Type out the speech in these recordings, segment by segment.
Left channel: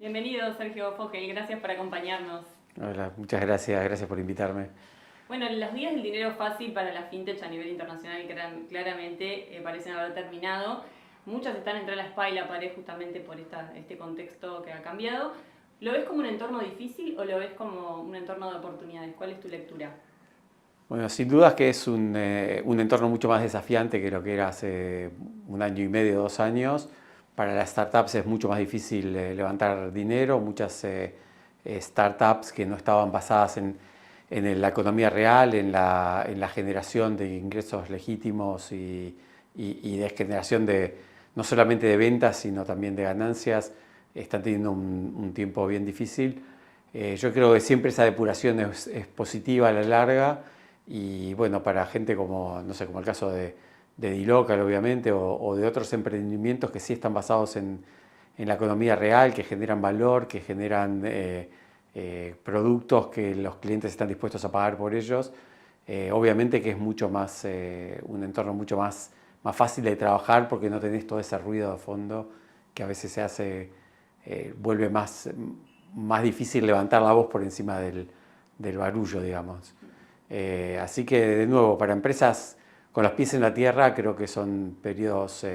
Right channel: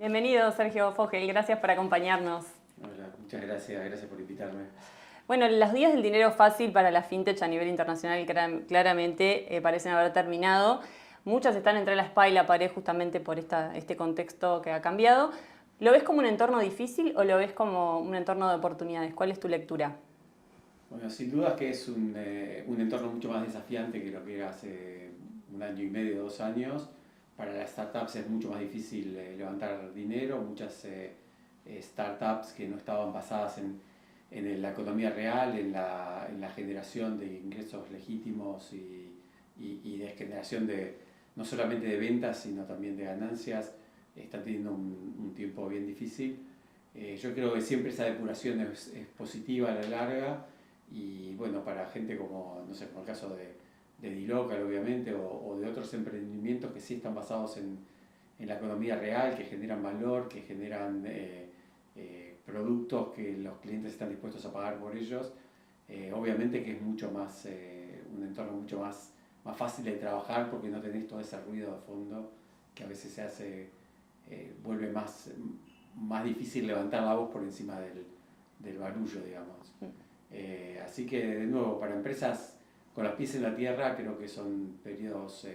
Bienvenido, Sergio Fogel, gracias por acompañarnos. Hola, muchas gracias, gracias por invitarme. Bueno, los días del dinero fácil para la fintech a nivel internacional claramente parecen haber terminado. Muchas están entre la espada y la pared justamente por este contexto que ha cambiado. ¿Lo ves como un entorno difícil o lo ves como un entorno de oportunidades? ¿Cuál es tu lectura? Bueno, sin dudas que es un entorno mucho más desafiante que lo que era hace un año y medio, 2 años. Para las startups es mucho más difícil levantar dinero. Muchas startups que no estaban basadas en la economía real, en la generación de ingresos legítimos y de generación no solamente de ventas, sino también de ganancias, están teniendo un tiempo bien difícil. Yo creo que siempre esa depuración es positiva a la larga. Y bueno, para gente como, no sé, como el caso de dLocal, obviamente, o de otros emprendimientos que sí están basados en la economía real, que generan valor, que generan productos que los clientes están dispuestos a pagar por ellos, obviamente que es mucho más, un entorno mucho más fácil de trabajar porque no tenés todo ese ruido de fondo que a veces vuelve más difícil levantar la voz por encima del barullo, digamos. Así que, de nuevo, para empresas con los pies en la tierra, creo que son periodos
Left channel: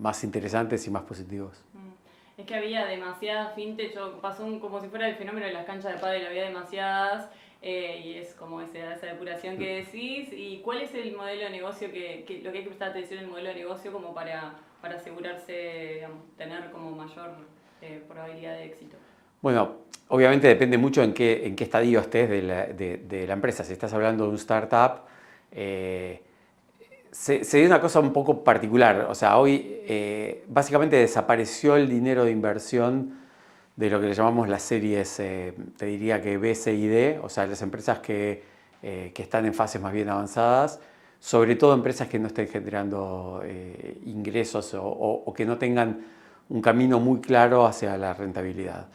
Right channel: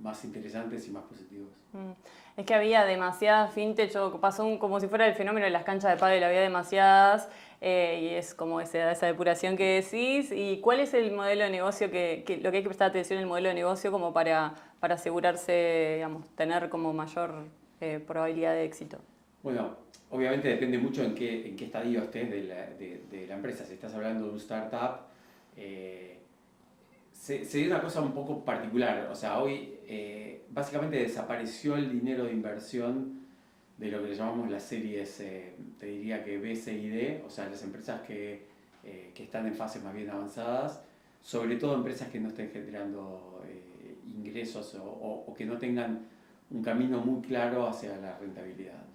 más interesantes y más positivos. Es que había demasiadas fintech, pasó como si fuera el fenómeno de las canchas de pádel, había demasiadas y es como esa depuración que decís. ¿Y cuál es el modelo de negocio lo que hay que prestar atención en el modelo de negocio como para asegurarse, digamos, tener como mayor probabilidad de éxito? Bueno, obviamente depende mucho en qué estadio estés de la empresa. Si estás hablando de un startup, se dio una cosa un poco particular. O sea, hoy básicamente desapareció el dinero de inversión de lo que le llamamos las series, te diría que B, C y D, o sea, las empresas que están en fases más bien avanzadas, sobre todo empresas que no estén generando ingresos o que no tengan un camino muy claro hacia la rentabilidad.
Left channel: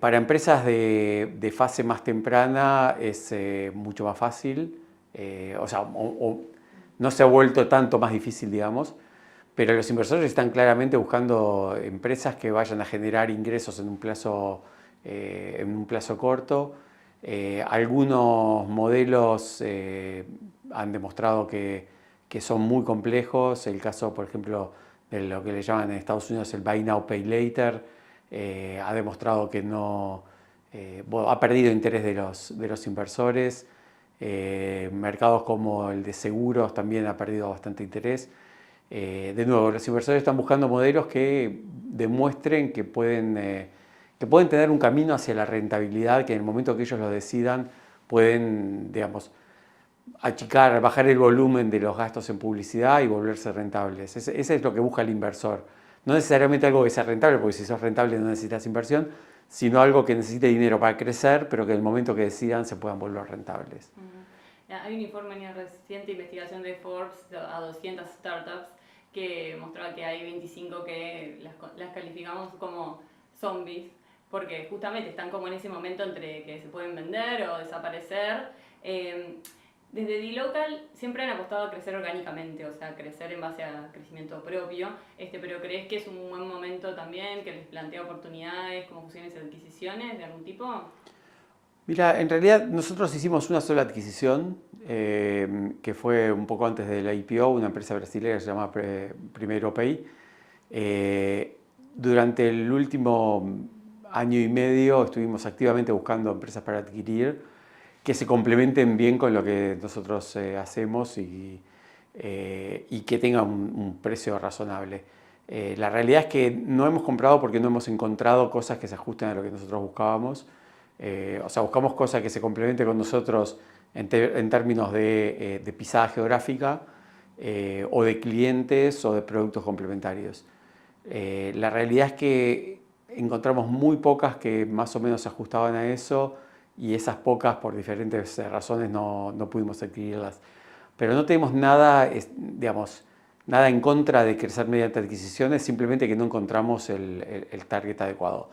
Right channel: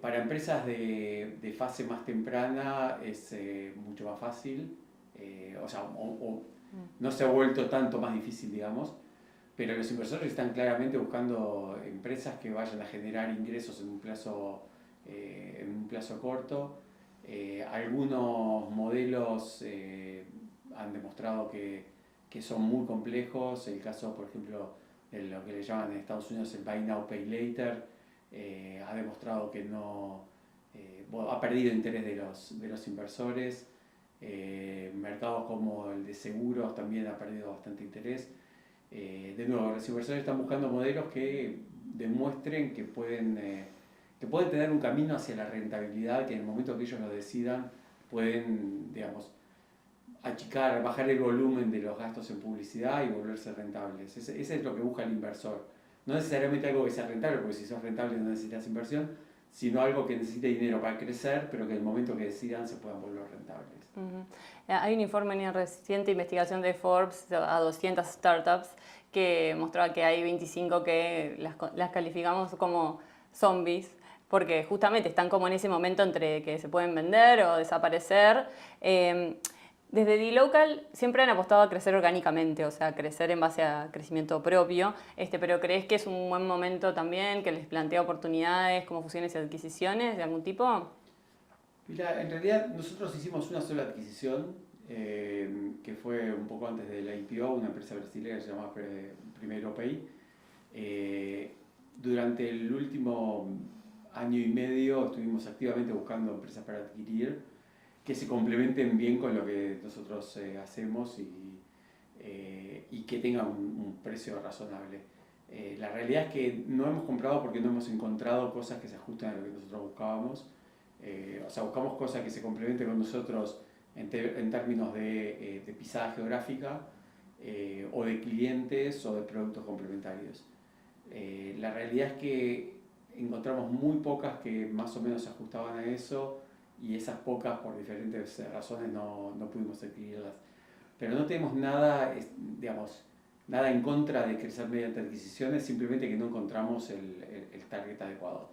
Para empresas de fase más temprana es mucho más fácil, o sea, no se ha vuelto tanto más difícil, digamos, pero los inversores están claramente buscando empresas que vayan a generar ingresos en un plazo corto. Algunos modelos han demostrado que son muy complejos. El caso, por ejemplo, de lo que le llaman en Estados Unidos el Buy Now, Pay Later, ha demostrado que no, bueno, ha perdido interés de los inversores. Mercados como el de seguros también ha perdido bastante interés. De nuevo, los inversores están buscando modelos que demuestren que pueden tener un camino hacia la rentabilidad, que en el momento que ellos lo decidan pueden, digamos, bajar el volumen de los gastos en publicidad y volverse rentables. Ese es lo que busca el inversor. No necesariamente algo que sea rentable, porque si sos rentable no necesitas inversión, sino algo que necesite dinero para crecer, pero que en el momento que decidan se puedan volver rentables. Hay un informe en una reciente investigación de Forbes a 200 startups que mostraba que hay 25 que las calificamos como zombies, porque justamente están como en ese momento entre que se pueden vender o desaparecer. Desde dLocal siempre han apostado a crecer orgánicamente, o sea, crecer en base a crecimiento propio, pero ¿crees que es un buen momento también, que les plantea oportunidades como fusiones y adquisiciones de algún tipo? Mira, en realidad nosotros hicimos una sola adquisición, que fue un poco antes de la IPO, una empresa brasileña que se llama Primeiro Pay. Durante el último año y medio estuvimos activamente buscando empresas para adquirir que se complementen bien con lo que nosotros hacemos y que tengan un precio razonable. La realidad es que no hemos comprado porque no hemos encontrado cosas que se ajusten a lo que nosotros buscábamos. O sea, buscamos cosas que se complementen con nosotros en términos de pisada geográfica, o de clientes o de productos complementarios. La realidad es que encontramos muy pocas que más o menos se ajustaban a eso, y esas pocas, por diferentes razones, no pudimos adquirirlas. Pero no tenemos nada, digamos, nada en contra de crecer mediante adquisiciones, simplemente que no encontramos el target adecuado.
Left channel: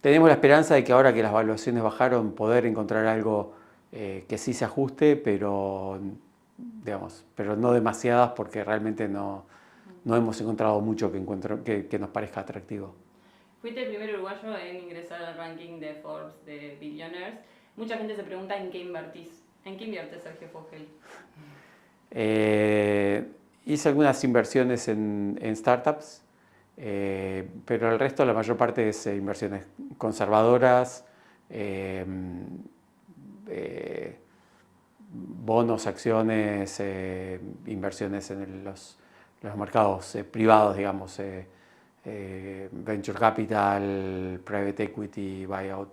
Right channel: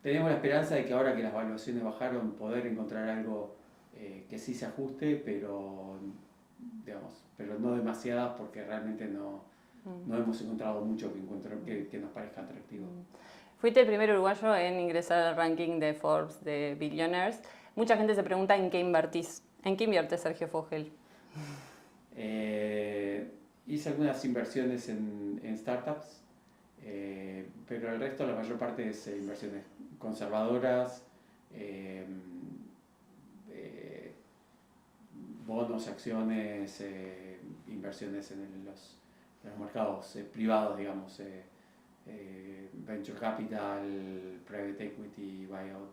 Tenemos la esperanza de que ahora que las valuaciones bajaron, poder encontrar algo que sí se ajuste, pero no demasiadas, porque realmente no hemos encontrado mucho que nos parezca atractivo. Fuiste el primer uruguayo en ingresar al ranking de Forbes de Billionaires. Mucha gente se pregunta en qué invertís. ¿En qué invierte Sergio Fogel? Hice algunas inversiones en startups, pero el resto, la mayor parte es inversiones conservadoras, bonos, acciones, inversiones en los mercados privados, digamos, venture capital, private equity, buyout.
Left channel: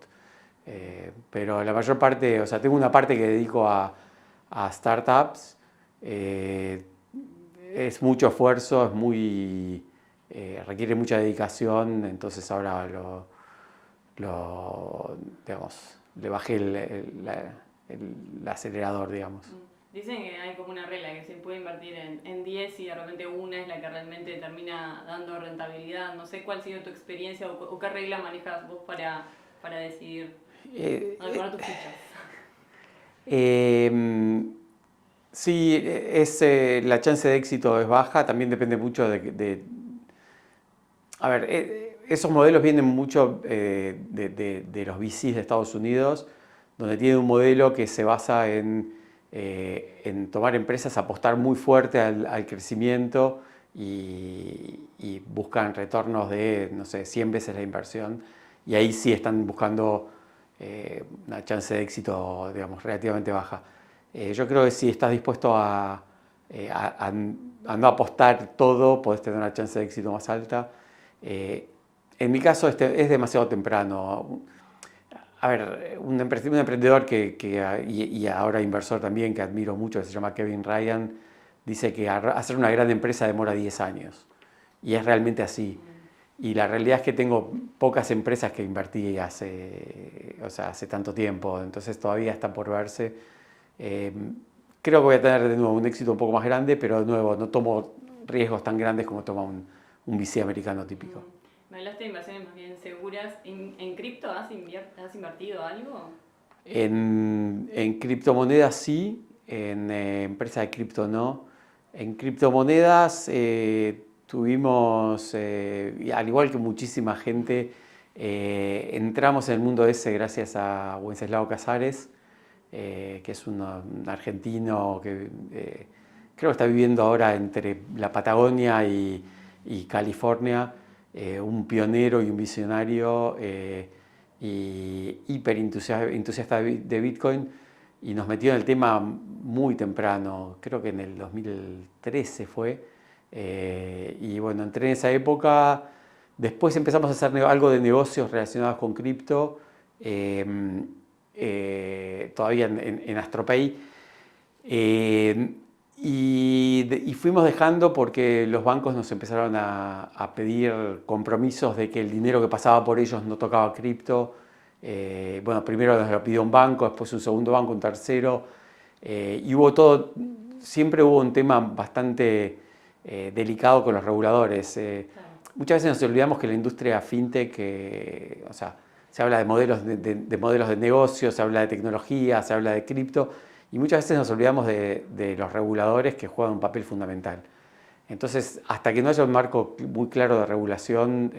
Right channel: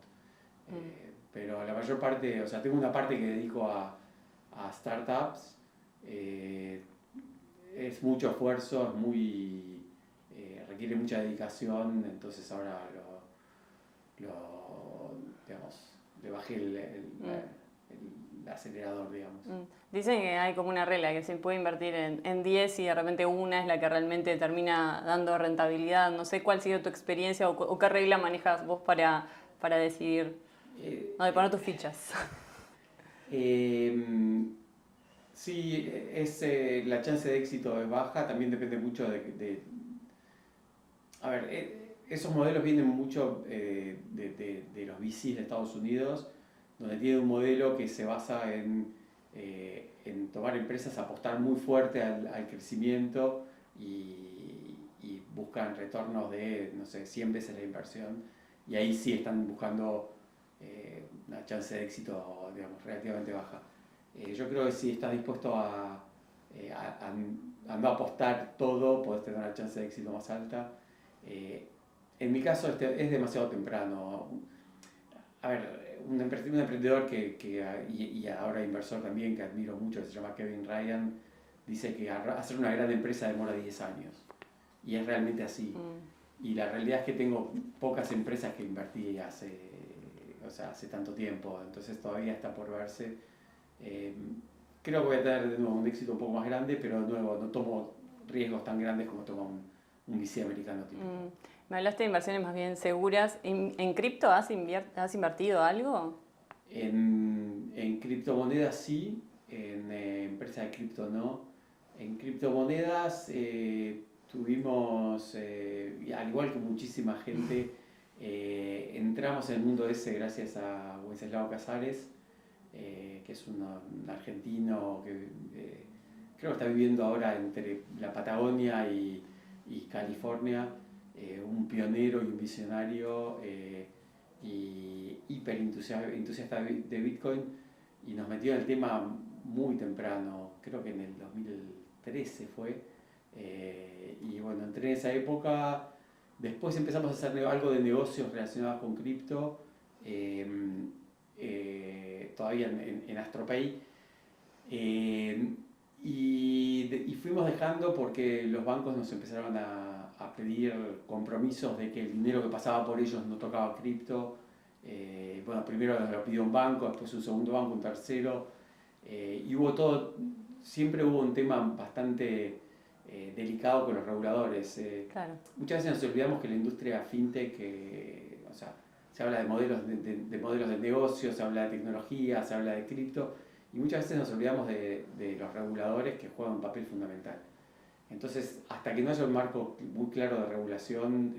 Pero la mayor parte, o sea, tengo una parte que dedico a startups. Es mucho esfuerzo, requiere mucha dedicación, entonces ahora digamos, le bajé el acelerador, digamos. Dicen que hay como una regla, que se puede invertir en 10 y de repente una es la que realmente termina dando rentabilidad. No sé cuál ha sido tu experiencia o qué regla manejas vos para decidir dónde poner tus fichas. Sí, la chance de éxito es baja, también depende mucho a ver, esos modelos vienen mucho de los VCs de Estados Unidos, donde tienen un modelo que se basa en tomar empresas, apostar muy fuerte al crecimiento y buscan retornos de, no sé, 100 veces la inversión. Y ahí sí están buscando una chance de éxito, digamos, relativamente baja. Yo creo que si estás dispuesto a no apostar todo, podés tener una chance de éxito más alta. En mi caso es demasiado temprano. A ver, un emprendedor y ahora inversor también, que admiro mucho, que se llama Kevin Ryan, dice que hacer una gran empresa demora 10 años. Y es realmente así. Y la realidad es que tengo pocas empresas que invertí hace tanto tiempo, entonces todavía está por verse. Creo que voy a tener de nuevo un éxito un poco más grande, pero de nuevo no tomo riesgos tan grandes como toma un VC americano típico. Me hablaste de inversiones más bien seguras. ¿En cripto has invertido algo? En criptomonedas sí, en empresas de cripto no. En criptomonedas tuvimos, al igual que muchísima gente, entramos en el mundo ese gracias a Wenceslao Casares, que es un argentino que creo que está viviendo ahora entre la Patagonia y California, un pionero y un visionario y hiper entusiasta de Bitcoin, y nos metió en el tema muy temprano, creo que en el 2013 fue, y bueno, entré en esa época. Después empezamos a hacer algo de negocios relacionados con cripto, todavía en Astropay, y fuimos dejando porque los bancos nos empezaron a pedir compromisos de que el dinero que pasaba por ellos no tocaba cripto. Bueno, primero nos lo pidió un banco, después un segundo banco, un tercero, y siempre hubo un tema bastante delicado con los reguladores. Claro. Muchas veces nos olvidamos que la industria fintech, o sea, se habla de modelos de negocio, se habla de tecnología, se habla de cripto, y muchas veces nos olvidamos de los reguladores, que juegan un papel fundamental. Entonces, hasta que no haya un marco muy claro de regulación,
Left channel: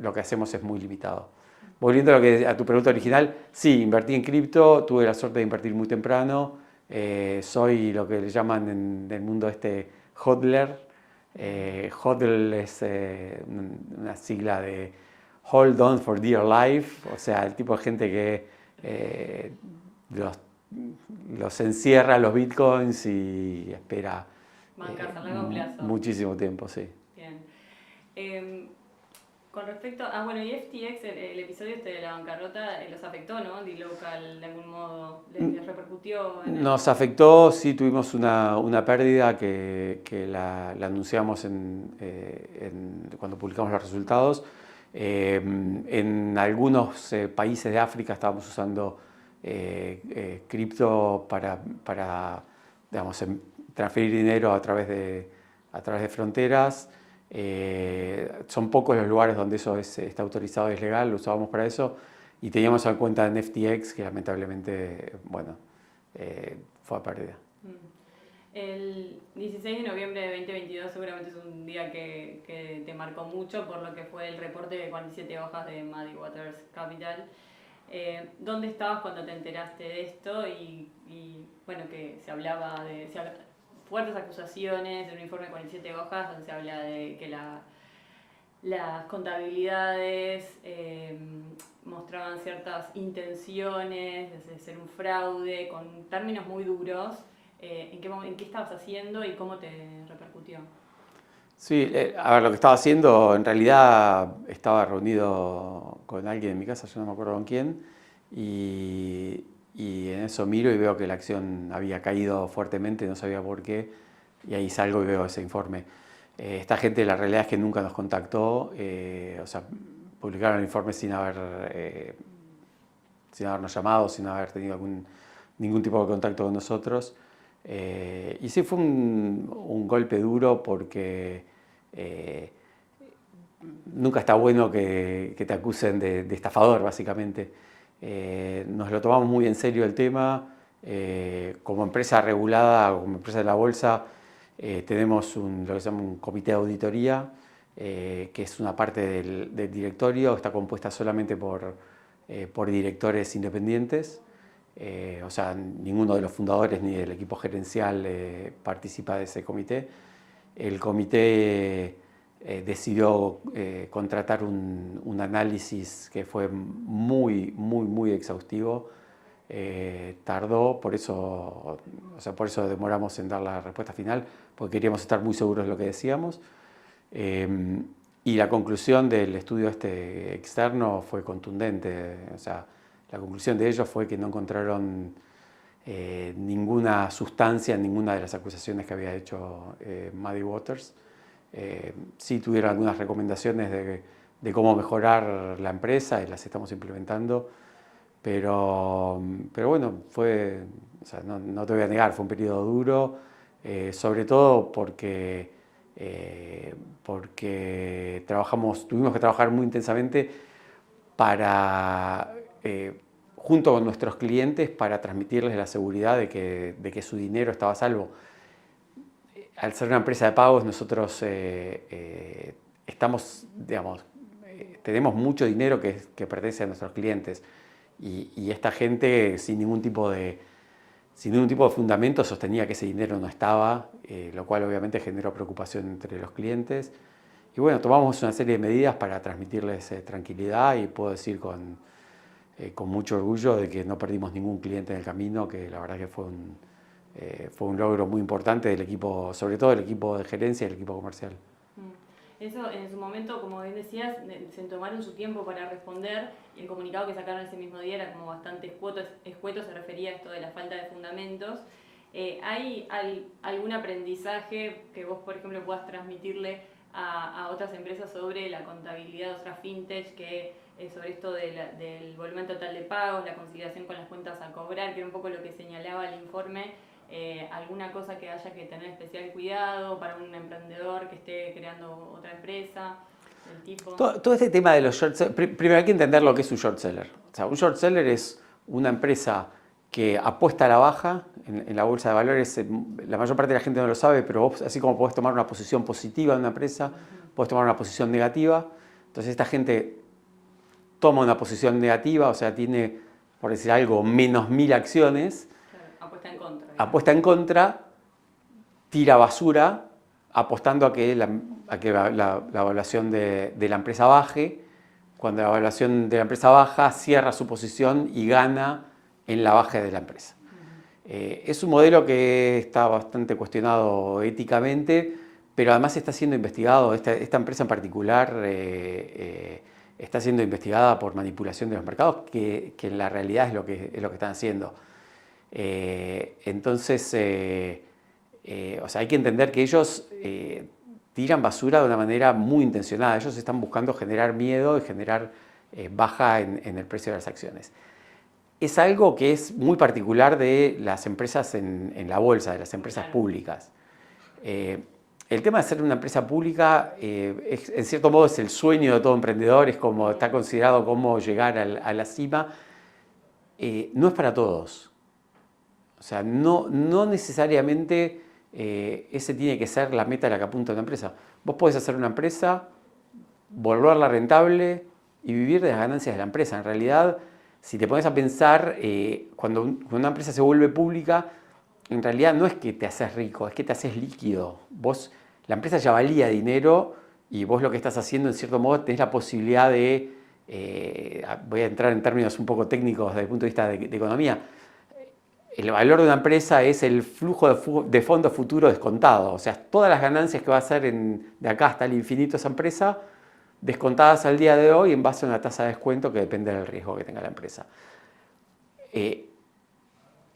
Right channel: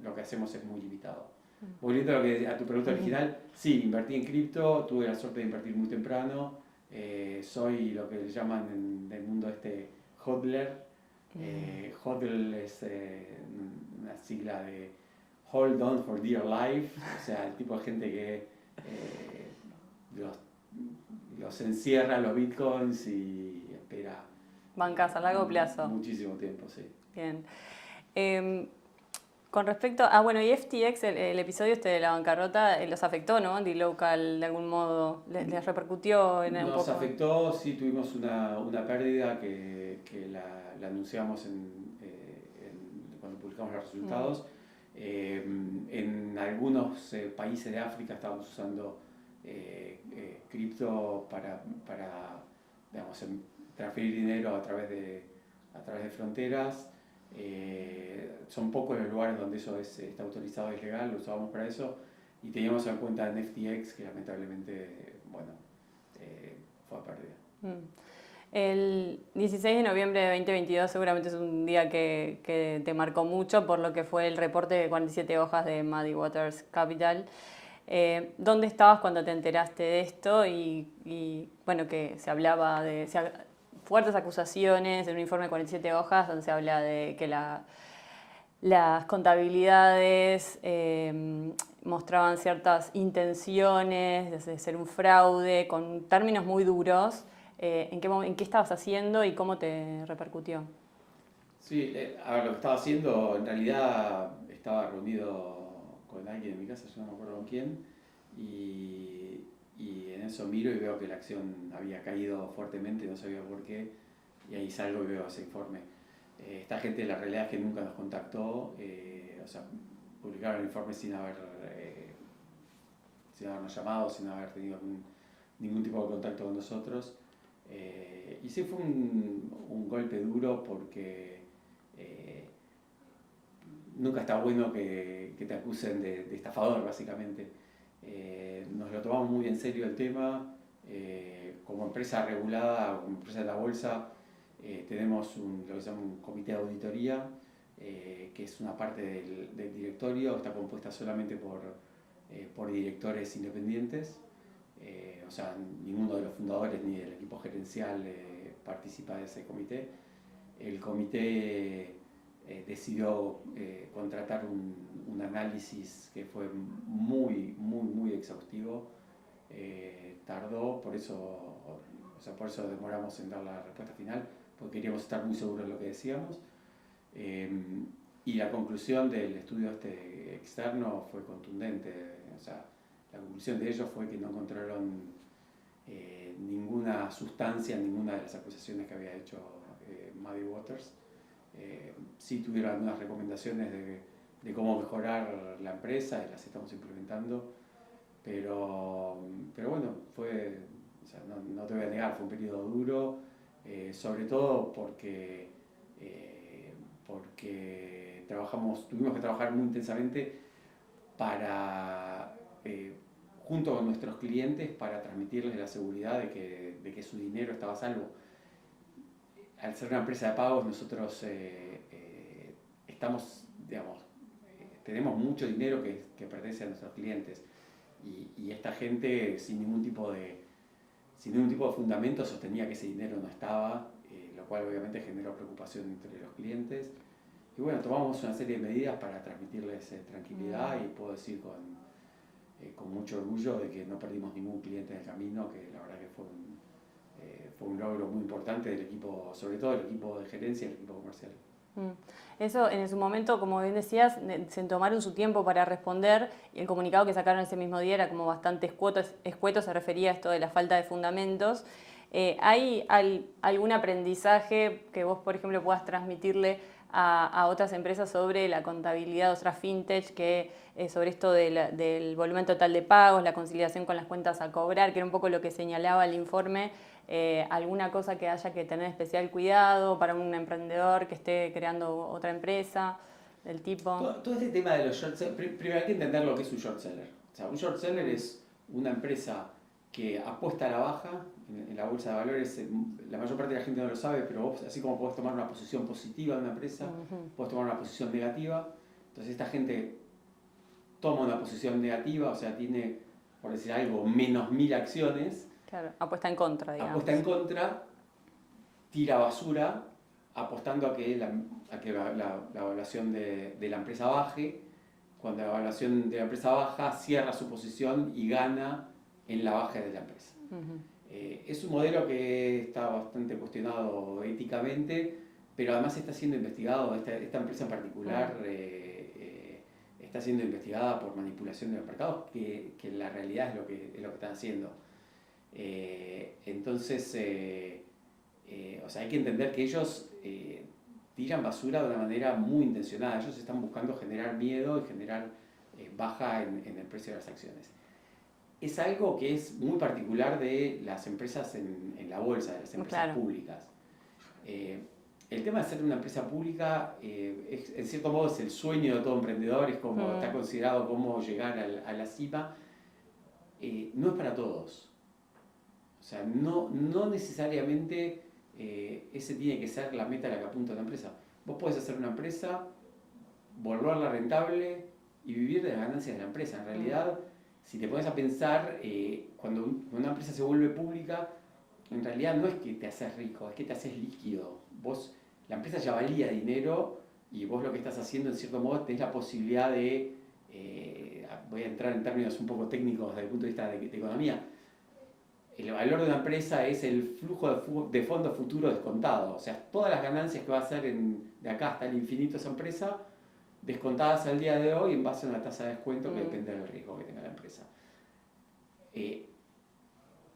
lo que hacemos es muy limitado. Volviendo a tu pregunta original, sí, invertí en cripto, tuve la suerte de invertir muy temprano, soy lo que le llaman en el mundo hodler. Hodl es una sigla de Hold On for Dear Life, o sea, el tipo de gente que los encierra los bitcoins y espera. Bancas a largo plazo. Muchísimo tiempo, sí. Bien. Con respecto bueno, y FTX, el episodio de la bancarrota, los afectó, ¿no? dLocal, de algún modo, les repercutió en el... Nos afectó, sí, tuvimos una pérdida que la anunciamos cuando publicamos los resultados. En algunos países de África estábamos usando cripto para digamos, transferir dinero a través de fronteras. Son pocos los lugares donde eso está autorizado y es legal, lo usábamos para eso, y teníamos una cuenta en FTX que lamentablemente, bueno, fue a pérdida. El 16 de noviembre de 2022 seguramente es un día que te marcó mucho por lo que fue el reporte de 47 hojas de Muddy Waters Capital. ¿Dónde estabas cuando te enteraste de esto? Bueno, que se hablaba de fuertes acusaciones en un informe de 47 hojas donde se habla de que las contabilidades mostraban ciertas intenciones de ser un fraude, con términos muy duros. ¿En qué estabas haciendo y cómo te repercutió? Sí, a ver, lo que estaba haciendo, en realidad estaba reunido con alguien en mi casa, yo no me acuerdo con quién, y, y en eso miro y veo que la acción había caído fuertemente, no sabía por qué, y ahí salgo y veo ese informe. Esta gente, la realidad es que nunca nos contactó, o sea, publicaron el informe sin habernos llamado, sin haber tenido ningún tipo de contacto con nosotros. Y sí fue un golpe duro porque nunca está bueno que te acusen de estafador, básicamente. Nos lo tomamos muy en serio el tema. Como empresa regulada, como empresa de la bolsa, tenemos lo que se llama un comité de auditoría, que es una parte del directorio, está compuesta solamente por directores independientes. O sea, ninguno de los fundadores ni del equipo gerencial participa de ese comité. El comité decidió contratar un análisis que fue muy exhaustivo. Tardó, por eso demoramos en dar la respuesta final, porque queríamos estar muy seguros de lo que decíamos. Y la conclusión del estudio externo fue contundente. O sea, la conclusión de ellos fue que no encontraron ninguna sustancia en ninguna de las acusaciones que había hecho Muddy Waters. Sí tuvieron algunas recomendaciones de cómo mejorar la empresa y las estamos implementando, pero bueno, o sea, no te voy a negar, fue un periodo duro, sobre todo porque tuvimos que trabajar muy intensamente junto con nuestros clientes para transmitirles la seguridad de que su dinero estaba a salvo. Al ser una empresa de pagos, nosotros tenemos mucho dinero que pertenece a nuestros clientes y esta gente sin ningún tipo de fundamento sostenía que ese dinero no estaba, lo cual obviamente generó preocupación entre los clientes. Y bueno, tomamos una serie de medidas para transmitirles tranquilidad y puedo decir con mucho orgullo de que no perdimos ningún cliente en el camino, que la verdad que fue un logro muy importante del equipo, sobre todo del equipo de gerencia y del equipo comercial. Eso en su momento, como bien decías, se tomaron su tiempo para responder y el comunicado que sacaron ese mismo día era como bastante escueto, se refería a esto de la falta de fundamentos. ¿Hay algún aprendizaje que vos, por ejemplo, puedas transmitirle a otras empresas sobre la contabilidad, otras fintech, sobre esto del volumen total de pagos, la conciliación con las cuentas a cobrar, que era un poco lo que señalaba el informe? ¿Alguna cosa que haya que tener especial cuidado para un emprendedor que esté creando otra empresa del tipo? Todo este tema de los short sellers, primero hay que entender lo que es un short seller. O sea, un short seller es una empresa que apuesta a la baja en la bolsa de valores. La mayor parte de la gente no lo sabe, pero vos, así como podés tomar una posición positiva en una empresa, podés tomar una posición negativa. Entonces esta gente toma una posición negativa, o sea, tiene, por decir algo, menos 1000 acciones. Claro, apuesta en contra. Digamos. Apuesta en contra, tira basura, apostando a que la evaluación de la empresa baje. Cuando la evaluación de la empresa baja, cierra su posición y gana en la baja de la empresa. Es un modelo que está bastante cuestionado éticamente, pero además está siendo investigado. Esta empresa en particular está siendo investigada por manipulación de los mercados, que en la realidad es lo que están haciendo. Entonces, o sea, hay que entender que ellos tiran basura de una manera muy intencionada. Ellos están buscando generar miedo y generar baja en el precio de las acciones. Es algo que es muy particular de las empresas en la bolsa, de las empresas públicas. El tema de ser una empresa pública, en cierto modo, es el sueño de todo emprendedor, es como está considerado como llegar a la cima. No es para todos. O sea, no necesariamente ese tiene que ser la meta a la que apunta una empresa. Vos podés hacer una empresa, volverla rentable y vivir de las ganancias de la empresa. En realidad, si te pones a pensar, cuando una empresa se vuelve pública, en realidad no es que te haces rico, es que te haces líquido. La empresa ya valía dinero y vos lo que estás haciendo, en cierto modo, tenés la posibilidad de, voy a entrar en términos un poco técnicos desde el punto de vista de economía, el valor de una empresa es el flujo de fondos futuro descontado. O sea, todas las ganancias que va a hacer de acá hasta el infinito esa empresa, descontadas al día de hoy en base a una tasa de descuento que depende del riesgo que tenga la empresa.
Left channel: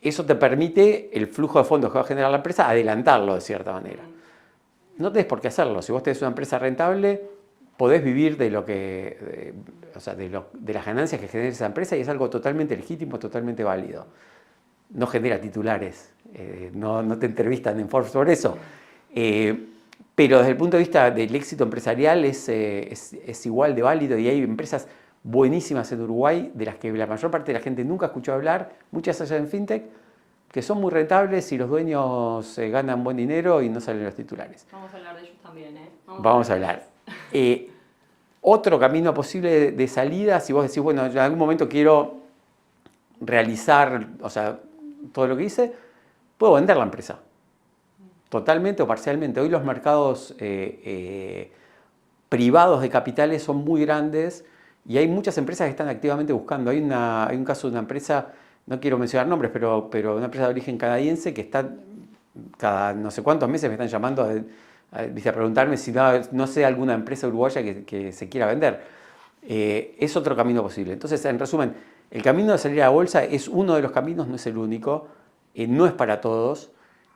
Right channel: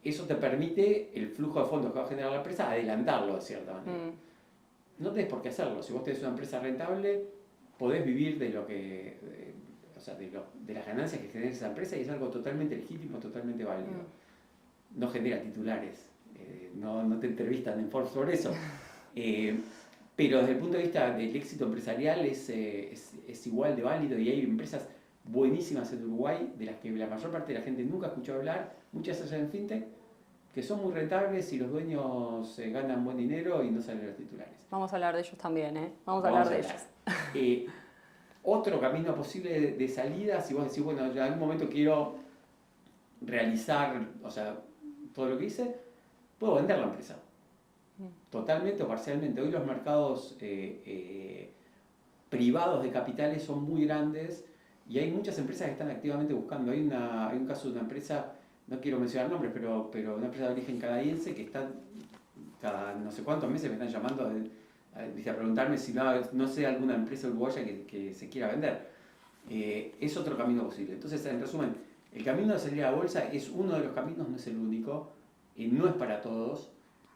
Eso te permite, el flujo de fondos que va a generar la empresa, adelantarlo de cierta manera. No tenés por qué hacerlo. Si vos tenés una empresa rentable, podés vivir de las ganancias que genera esa empresa y es algo totalmente legítimo, totalmente válido. No genera titulares, no te entrevistan en Forbes por eso. Pero desde el punto de vista del éxito empresarial es igual de válido y hay empresas buenísimas en Uruguay de las que la mayor parte de la gente nunca escuchó hablar, muchas allá en FinTech, que son muy rentables y los dueños ganan buen dinero y no salen los titulares. Vamos a hablar de ellos también, ¿eh? Vamos a hablar. Otro camino posible de salida, si vos decís, bueno, en algún momento quiero realizar, todo lo que hice, puedo vender la empresa. Totalmente o parcialmente. Hoy los mercados privados de capitales son muy grandes y hay muchas empresas que están activamente buscando. Hay un caso de una empresa, no quiero mencionar nombres, pero una empresa de origen canadiense que está cada no sé cuántos meses me están llamando a preguntarme si no sé alguna empresa uruguaya que se quiera vender. Es otro camino posible. Entonces, en resumen, el camino de salir a la bolsa es uno de los caminos, no es el único, no es para todos.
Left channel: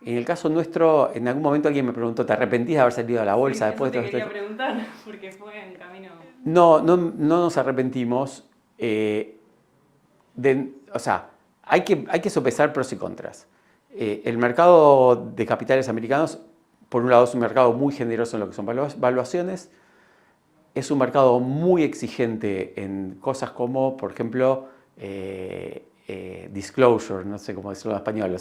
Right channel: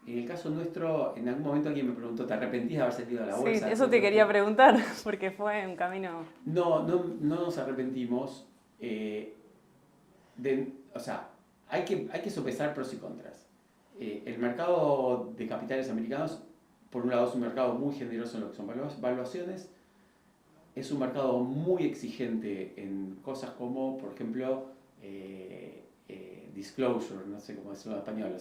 En el caso nuestro, en algún momento alguien me preguntó, ¿te arrepentís de haber salido a la bolsa? Sí, eso te quería preguntar, porque fue un camino... No nos arrepentimos. Hay que sopesar pros y contras. El mercado de capitales americanos, por un lado, es un mercado muy generoso en lo que son valuaciones. Es un mercado muy exigente en cosas como, por ejemplo, disclosure, no sé cómo decirlo en español,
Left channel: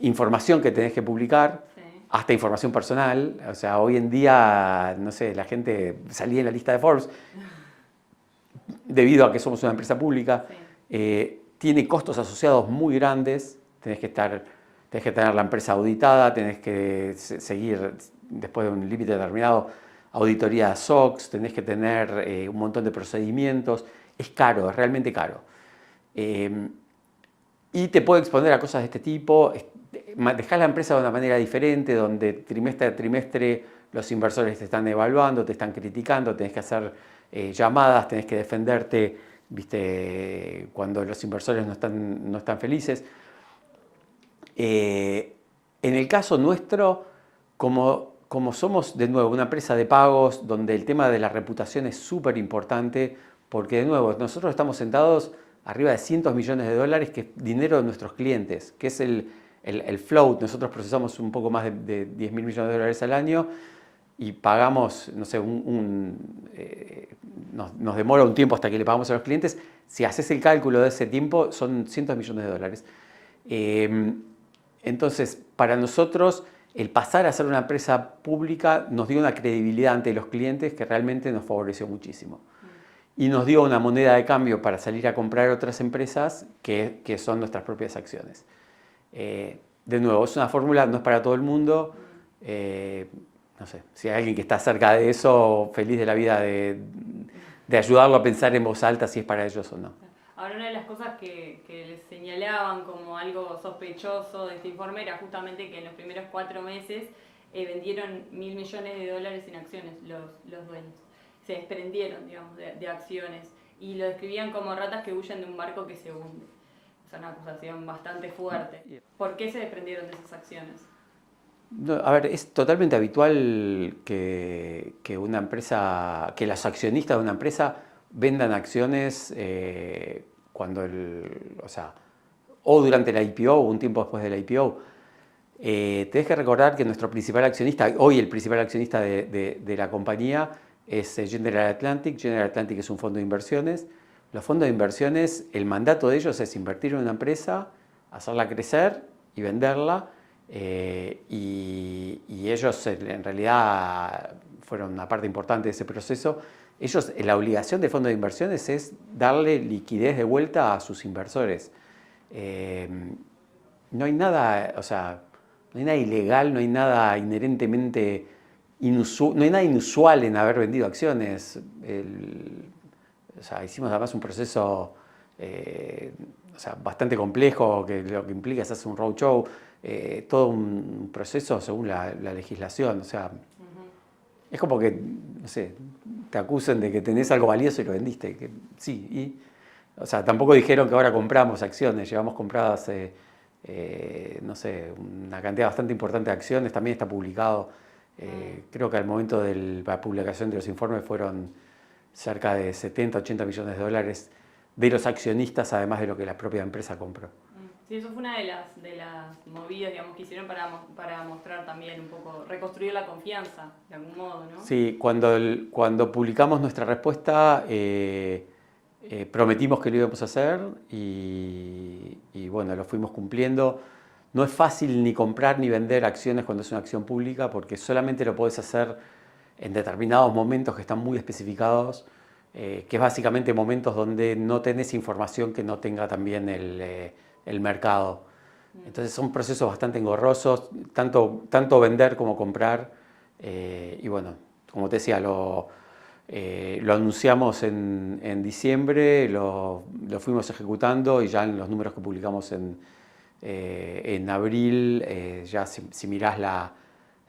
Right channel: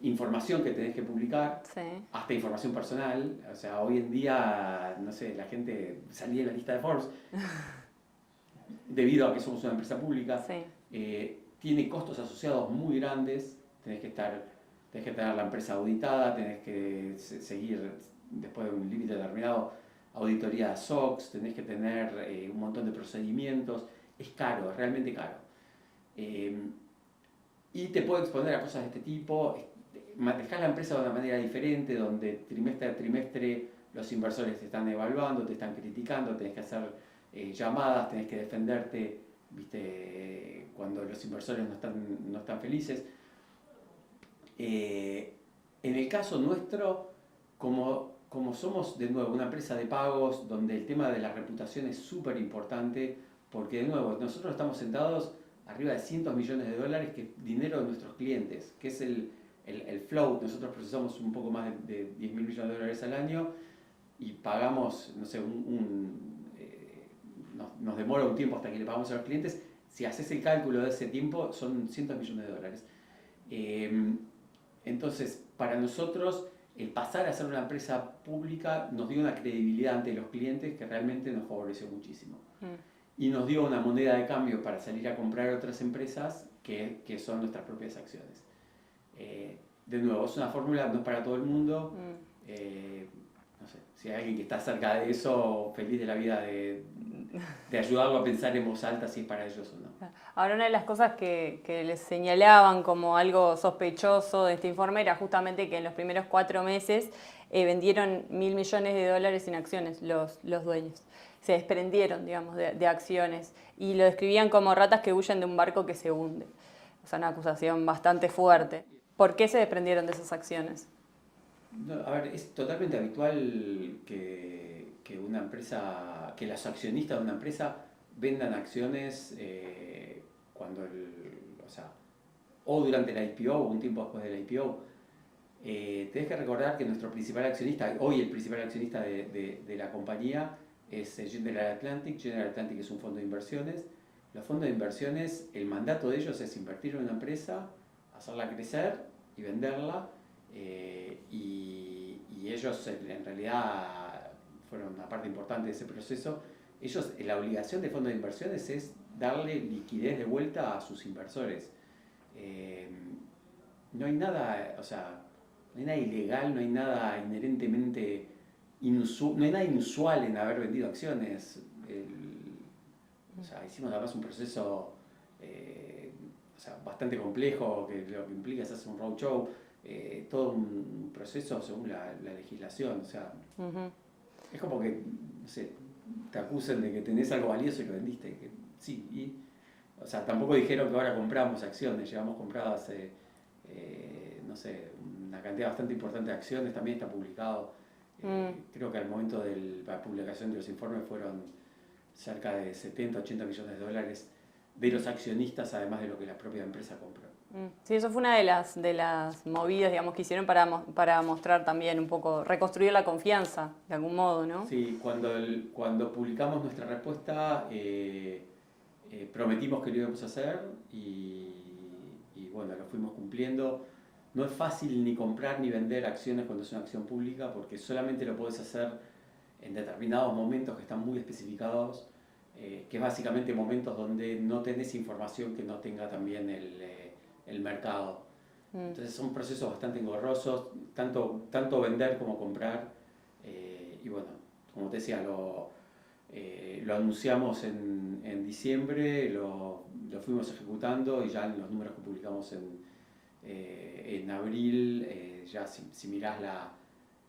información que tenés que publicar, sí, hasta información personal. Hoy en día, no sé, la gente salía en la lista de Forbes debido a que somos una empresa pública. Sí. Tiene costos asociados muy grandes. Tenés que tener la empresa auditada, tenés que seguir, después de un límite determinado, auditoría de SOX, tenés que tener un montón de procedimientos. Es caro, es realmente caro. Y te puede exponer a cosas de este tipo. Dejás la empresa de una manera diferente, donde trimestre a trimestre los inversores te están evaluando, te están criticando, tenés que hacer llamadas, tenés que defenderte, ¿viste? Cuando los inversores no están felices. En el caso nuestro, como somos de nuevo una empresa de pagos, donde el tema de la reputación es súper importante, porque de nuevo nosotros estamos sentados arriba de cientos millones de dólares, que es dinero de nuestros clientes, que es el float. Nosotros procesamos un poco más de 10 mil millones de dólares al año y pagamos, no sé, nos demora un tiempo hasta que le pagamos a los clientes. Si haces el cálculo de ese tiempo, son cientos de millones de dólares. Entonces, para nosotros, el pasar a ser una empresa pública nos dio una credibilidad ante los clientes que realmente nos favoreció muchísimo. Y nos dio una moneda de cambio para salir a comprar otras empresas que son nuestras propias acciones. De nuevo, es una fórmula, no es para todo el mundo. No sé, si hay alguien que está cerca de eso, feliz de la vida de ayudarlo a pensar en voz alta si es para ellos o no. Ahora, una de las cosas que les señalaban como algo sospechoso de este informe era justamente que en los primeros 4 meses vendieron $1.000 millones en acciones los dueños. Se desprendieron, digamos, de acciones y lo describían como ratas que huyen de un barco que se hunde. Es una acusación bastante fuerte. ¿Por qué se desprendieron de esas acciones? No, a ver, es totalmente habitual que una empresa, que los accionistas de una empresa vendan acciones cuando o durante la IPO o un tiempo después de la IPO. Tenés que recordar que nuestro principal accionista, hoy el principal accionista de la compañía, es General Atlantic. General Atlantic es un fondo de inversiones. Los fondos de inversiones, el mandato de ellos es invertir en una empresa, hacerla crecer y venderla. y ellos en realidad fueron una parte importante de ese proceso. Ellos, la obligación del fondo de inversiones es darle liquidez de vuelta a sus inversores. No hay nada, o sea, no hay nada ilegal, no hay nada inherentemente inusual, no hay nada inusual en haber vendido acciones. O sea, hicimos además un proceso o sea, bastante complejo, que lo que implica es hacer un roadshow, todo un proceso según la legislación. O sea, es como que, no sé, te acusen de que tenés algo valioso y lo vendiste. Que, sí, o sea, tampoco dijeron que ahora compramos acciones, llevamos compradas, no sé, una cantidad bastante importante de acciones, también está publicado. Creo que al momento de la publicación de los informes fueron cerca de 70, 80 millones de dólares de los accionistas, además de lo que la propia empresa compró. Sí, eso fue una de las movidas, digamos, que hicieron para mostrar también un poco, reconstruir la confianza, de algún modo, ¿no? Sí, cuando publicamos nuestra respuesta, prometimos que lo íbamos a hacer y bueno, lo fuimos cumpliendo. No es fácil ni comprar ni vender acciones cuando es una acción pública porque solamente lo podés hacer en determinados momentos que están muy especificados, que es básicamente momentos donde no tenés información que no tenga también el mercado. Entonces son procesos bastante engorrosos, tanto vender como comprar. Y bueno, como te decía, lo anunciamos en diciembre, lo fuimos ejecutando y ya en los números que publicamos en abril, ya si mirás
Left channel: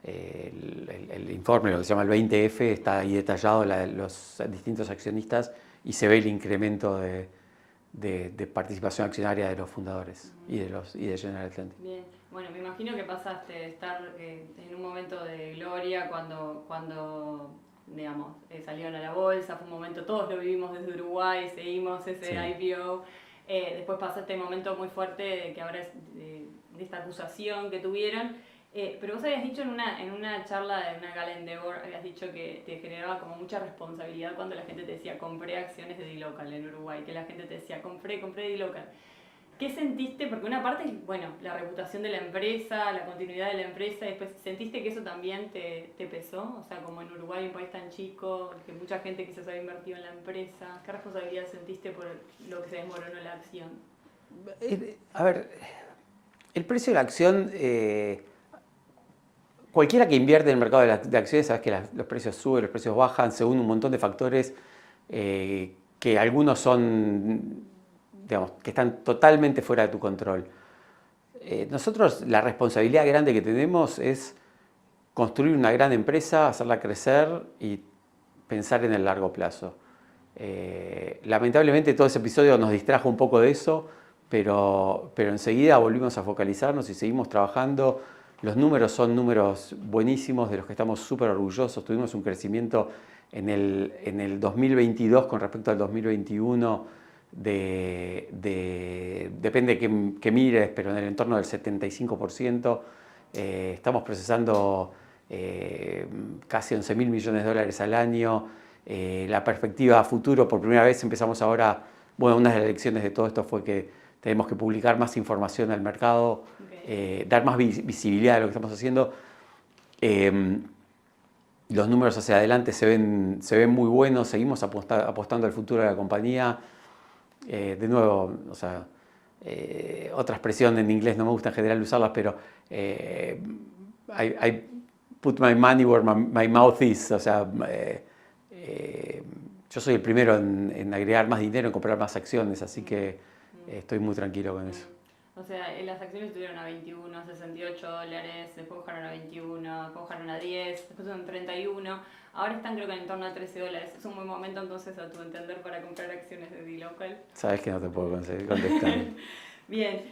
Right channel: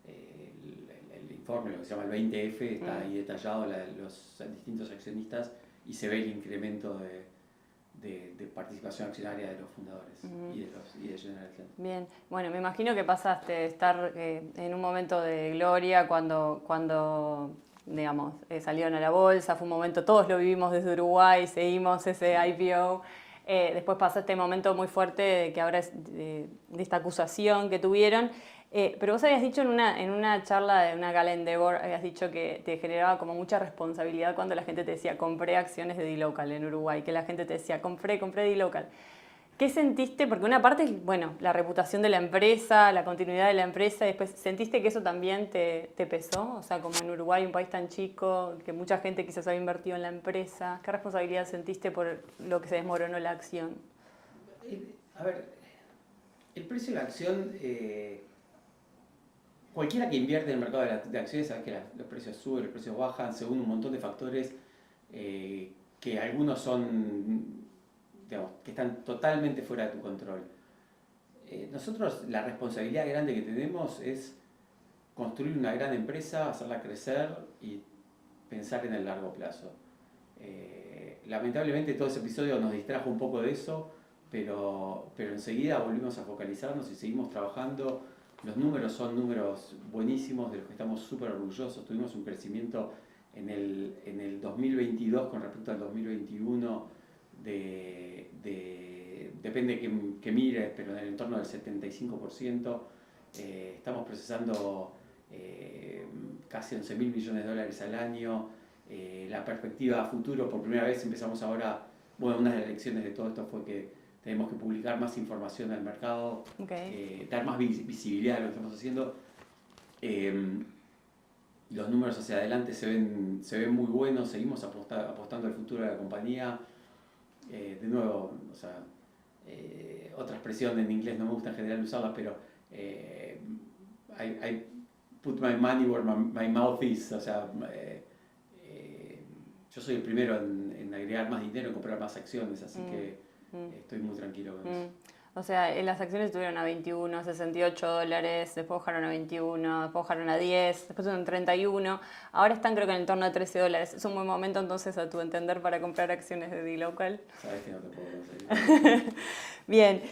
el informe, lo que se llama el 20F, está ahí detallado los distintos accionistas y se ve el incremento de participación accionaria de los fundadores y de General Atlantic. Bien, bueno, me imagino que pasaste de estar en un momento de gloria cuando digamos, salieron a la bolsa, fue un momento, todos lo vivimos desde Uruguay, seguimos ese IPO. Después pasó este momento muy fuerte de que ahora es de esta acusación que tuvieron. Pero vos habías dicho en una charla de una gala Endeavor, habías dicho que te generaba como mucha responsabilidad cuando la gente te decía compré acciones de dLocal en Uruguay, que la gente te decía compré dLocal. ¿Qué sentiste? Porque una parte es, bueno, la reputación de la empresa, la continuidad de la empresa, y después ¿sentiste que eso también te pesó? O sea, como en Uruguay, un país tan chico, que mucha gente quizás había invertido en la empresa, ¿qué responsabilidad sentiste por lo que se desmoronó la acción? A ver, el precio de la acción, cualquiera que invierte en el mercado de acciones, sabes que los precios suben, los precios bajan, según un montón de factores que algunos son, digamos, que están totalmente fuera de tu control. Nosotros la responsabilidad grande que tenemos es construir una gran empresa, hacerla crecer y pensar en el largo plazo. Lamentablemente todo ese episodio nos distrajo un poco de eso, pero enseguida volvimos a focalizarnos y seguimos trabajando. Los números son números buenísimos de los que estamos súper orgullosos. Tuvimos un crecimiento en el 2022 con respecto al 2021 depende que mires, pero en el entorno del 75%. Estamos procesando casi 11.000 millones de dólares al año. La perspectiva a futuro, por primera vez empezamos ahora, bueno, una de las lecciones de todo esto fue que tenemos que publicar más información al mercado, dar más visibilidad a lo que estamos haciendo. Los números hacia adelante se ven muy buenos, seguimos apostando al futuro de la compañía. De nuevo, o sea, otra expresión en inglés, no me gusta en general usarlas, pero I put my money where my mouth is, o sea, yo soy el primero en agregar más dinero, en comprar más acciones, así que estoy muy tranquilo con eso. O sea, las acciones estuvieron a 21, 68 dólares, después bajaron a 21, después bajaron a 10, después son 31, ahora están creo que en el torno de 13 dólares. Es un buen momento entonces, a tu entender, para comprar acciones de dLocal. Sabes que no te puedo conseguir contestar. Bien.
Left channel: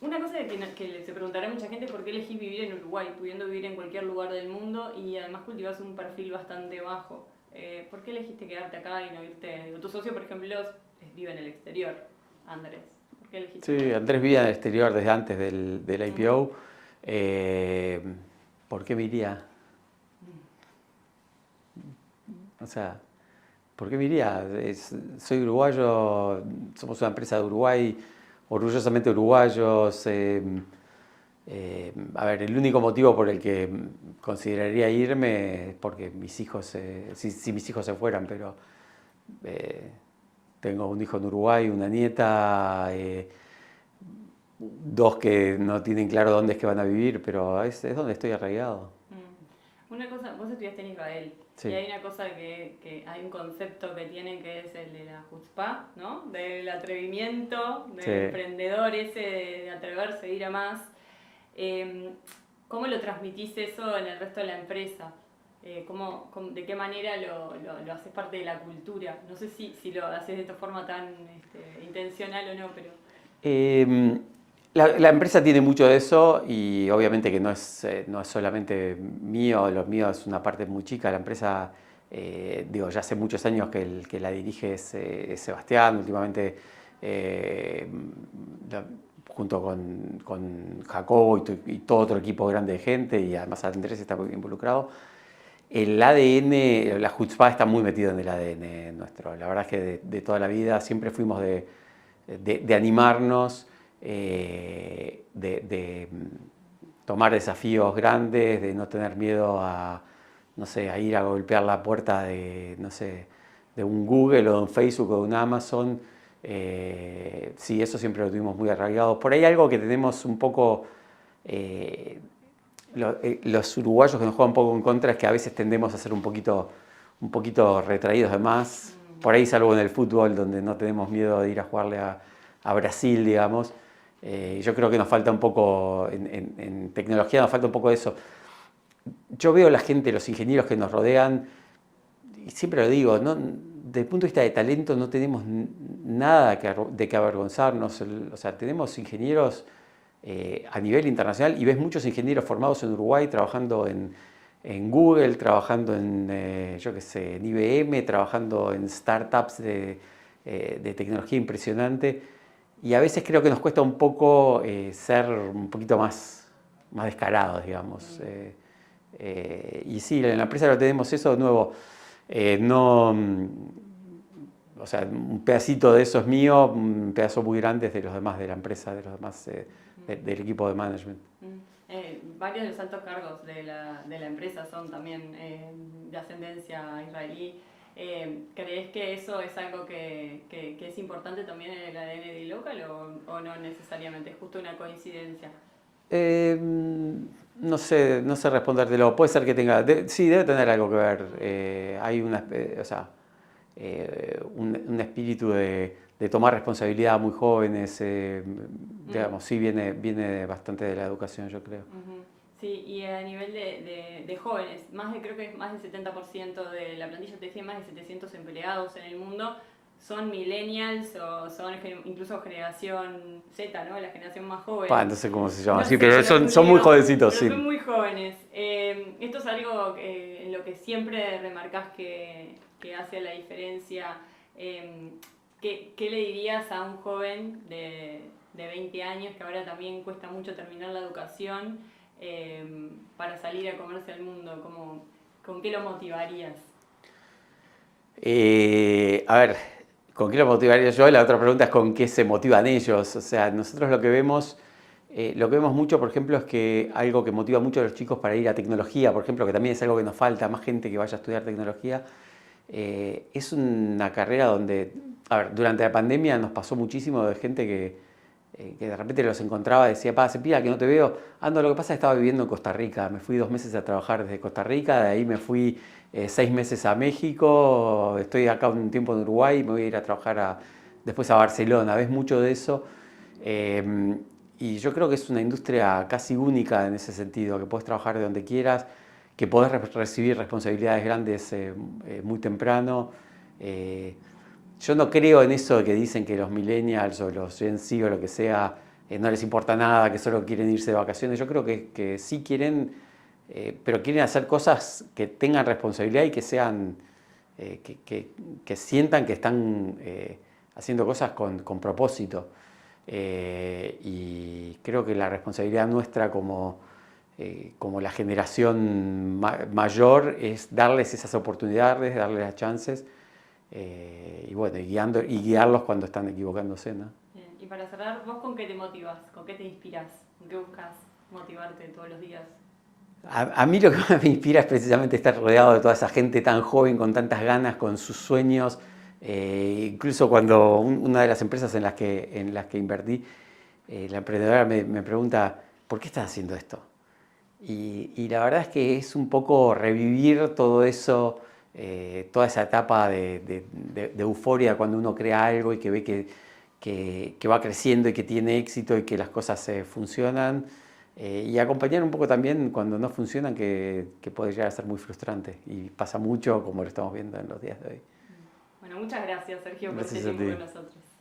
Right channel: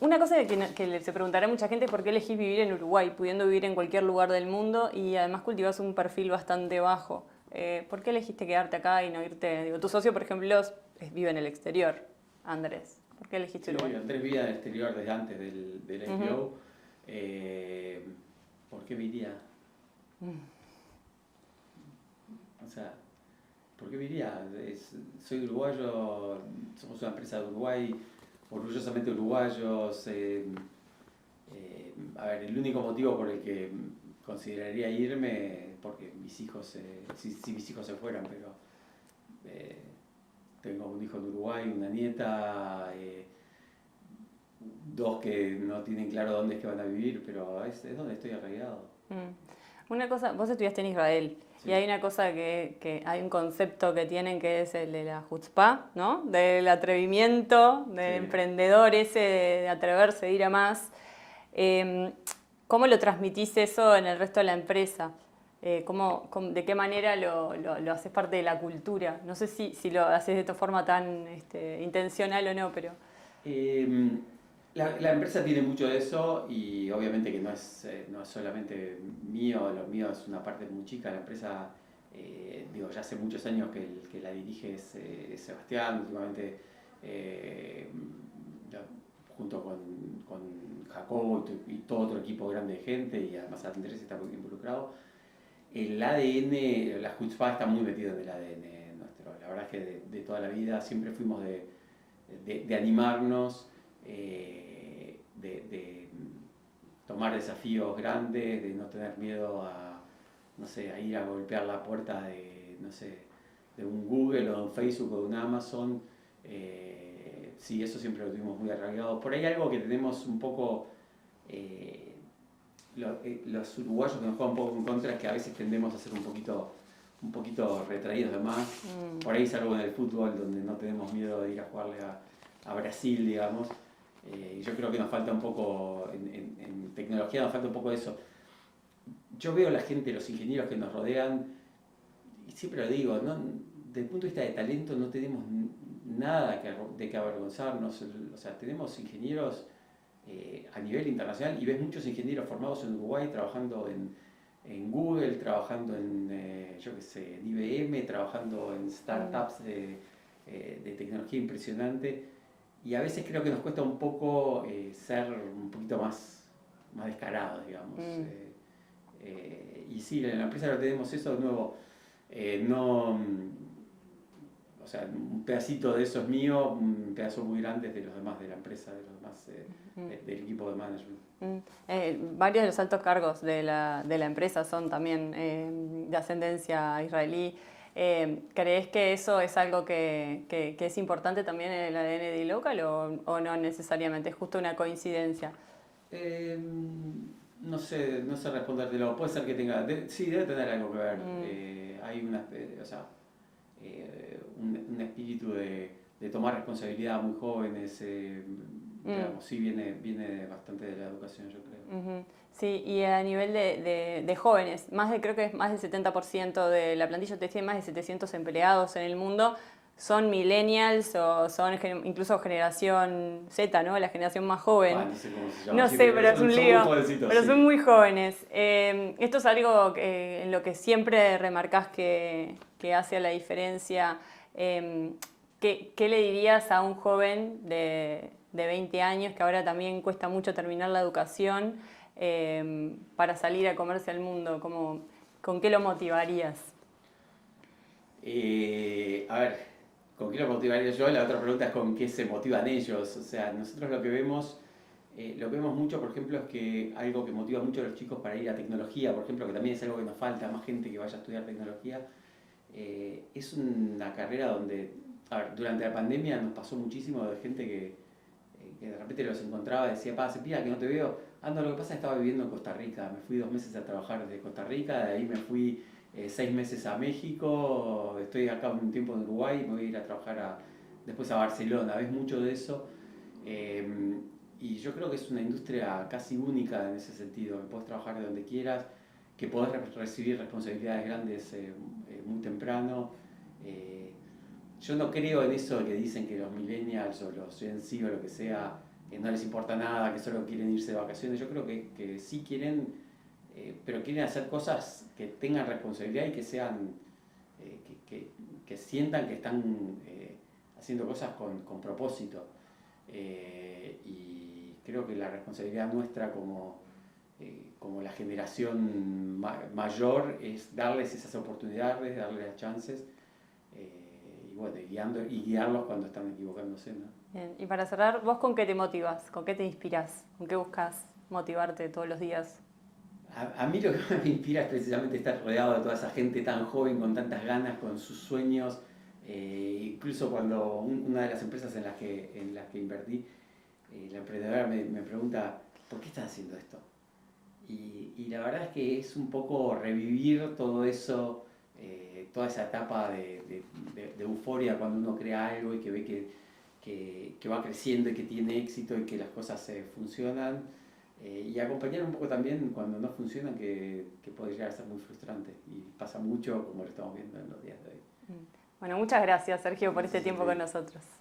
Una cosa que se preguntará a mucha gente es por qué elegís vivir en Uruguay, pudiendo vivir en cualquier lugar del mundo y además cultivas un perfil bastante bajo. ¿Por qué elegiste quedarte acá y no irte? Digo, tu socio, por ejemplo, vive en el exterior, Andrés. ¿Por qué elegiste Uruguay? Sí, Andrés vivía en el exterior desde antes del IPO. ¿Por qué me iría? O sea, ¿por qué me iría? Soy uruguayo, somos una empresa de Uruguay, orgullosamente uruguayos. A ver, el único motivo por el que consideraría irme es porque mis hijos, si mis hijos se fueran, pero tengo un hijo en Uruguay, una nieta, dos que no tienen claro dónde es que van a vivir, pero es donde estoy arraigado. Una cosa, vos estudiaste en Israel, Sí. y hay una cosa que hay un concepto que tienen que es el de la chutzpah, ¿no? Del atrevimiento, del Sí. emprendedor ese de atreverse, de ir a más. ¿Cómo lo transmitís eso en el resto de la empresa? ¿De qué manera lo haces parte de la cultura? No sé si lo haces de esta forma tan intencional o no, pero... La empresa tiene mucho de eso y obviamente que no es solamente mío, lo mío es una parte muy chica. La empresa, ya hace muchos años que el que la dirige es Sebastián, últimamente junto con Jacobo y todo otro equipo grande de gente, y además Andrés está muy involucrado. El ADN, la chutzpah está muy metido en el ADN nuestro. La verdad es que de toda la vida siempre fuimos de animarnos, de tomar desafíos grandes, de no tener miedo a, no sé, a ir a golpear la puerta de, no sé, de un Google o de un Facebook o de un Amazon. Sí, eso siempre lo tuvimos muy arraigado. Por ahí algo que tenemos un poco, los uruguayos que nos juegan un poco en contra, es que a veces tendemos a ser un poquito retraídos de más. Por ahí, salvo en el fútbol, donde no tenemos miedo de ir a jugarle a Brasil, digamos. Yo creo que nos falta un poco, en tecnología nos falta un poco de eso. Yo veo la gente, los ingenieros que nos rodean, y siempre lo digo, ¿no? Desde el punto de vista de talento no tenemos nada de que avergonzarnos. O sea, tenemos ingenieros a nivel internacional, y ves muchos ingenieros formados en Uruguay trabajando en Google, trabajando en, yo qué sé, en IBM, trabajando en startups de tecnología impresionante. Y a veces creo que nos cuesta un poco ser un poquito más descarados, digamos. Y sí, en la empresa lo tenemos eso de nuevo. No, o sea, un pedacito de eso es mío, un pedazo muy grande es de los demás de la empresa, de los demás del equipo de management. Varios de los altos cargos de la empresa son también de ascendencia israelí. ¿Crees que eso es algo que es importante también en el ADN de iLocal o no necesariamente? ¿Es justo una coincidencia? No sé respondértelo. Puede ser que tenga, sí, debe tener algo que ver. Hay un espíritu de tomar responsabilidad muy jóvenes. Digamos, sí, viene bastante de la educación, yo creo. Sí, y a nivel de jóvenes, creo que es más del 70% de la plantilla, te decía, más de 700 empleados en el mundo, son millennials o son incluso generación Z, ¿no? La generación más joven. No sé cómo se llama, No sí, sé, pero son muy jovencitos. Pero sí. son muy jóvenes. Esto es algo en lo que siempre remarcás que hace la diferencia. ¿Qué le dirías a un joven de 20 años que ahora también cuesta mucho terminar la educación para salir a comerse al mundo? ¿Con qué lo motivarías? A ver, ¿con qué lo motivaría yo? La otra pregunta es ¿con qué se motivan ellos? O sea, nosotros lo que vemos mucho, por ejemplo, es que algo que motiva mucho a los chicos para ir a tecnología, por ejemplo, que también es algo que nos falta, más gente que vaya a estudiar tecnología, es una carrera donde, a ver, durante la pandemia nos pasó muchísimo de gente que de repente los encontraba y decía, hace pila que no te veo. No, lo que pasa es que estaba viviendo en Costa Rica, me fui 2 meses a trabajar desde Costa Rica, de ahí me fui 6 meses a México, estoy acá un tiempo en Uruguay, me voy a ir a trabajar después a Barcelona. Ves mucho de eso. Y yo creo que es una industria casi única en ese sentido, que puedes trabajar de donde quieras, que podés recibir responsabilidades grandes muy temprano. Yo no creo en eso de que dicen que los millennials o los Gen Z o lo que sea no les importa nada, que solo quieren irse de vacaciones. Yo creo que sí quieren, pero quieren hacer cosas que tengan responsabilidad y que sean, que sientan que están haciendo cosas con propósito. Y creo que la responsabilidad nuestra como la generación mayor es darles esas oportunidades, darles las chances. Y bueno, y guiarlos cuando están equivocándose, ¿no? Y para cerrar, ¿vos con qué te motivas? ¿Con qué te inspiras? ¿Con qué buscas motivarte todos los días? A mí lo que más me inspira es precisamente estar rodeado de toda esa gente tan joven, con tantas ganas, con sus sueños. Incluso cuando una de las empresas en las que invertí, la emprendedora me pregunta, ¿por qué estás haciendo esto? Y la verdad es que es un poco revivir todo eso, toda esa etapa de euforia cuando uno crea algo y que ve que va creciendo y que tiene éxito y que las cosas funcionan. Y acompañar un poco también cuando no funcionan, que puede llegar a ser muy frustrante. Y pasa mucho, como lo estamos viendo en los días de hoy. Bueno, muchas gracias, Sergio, por este Gracias a tiempo ti. con nosotros.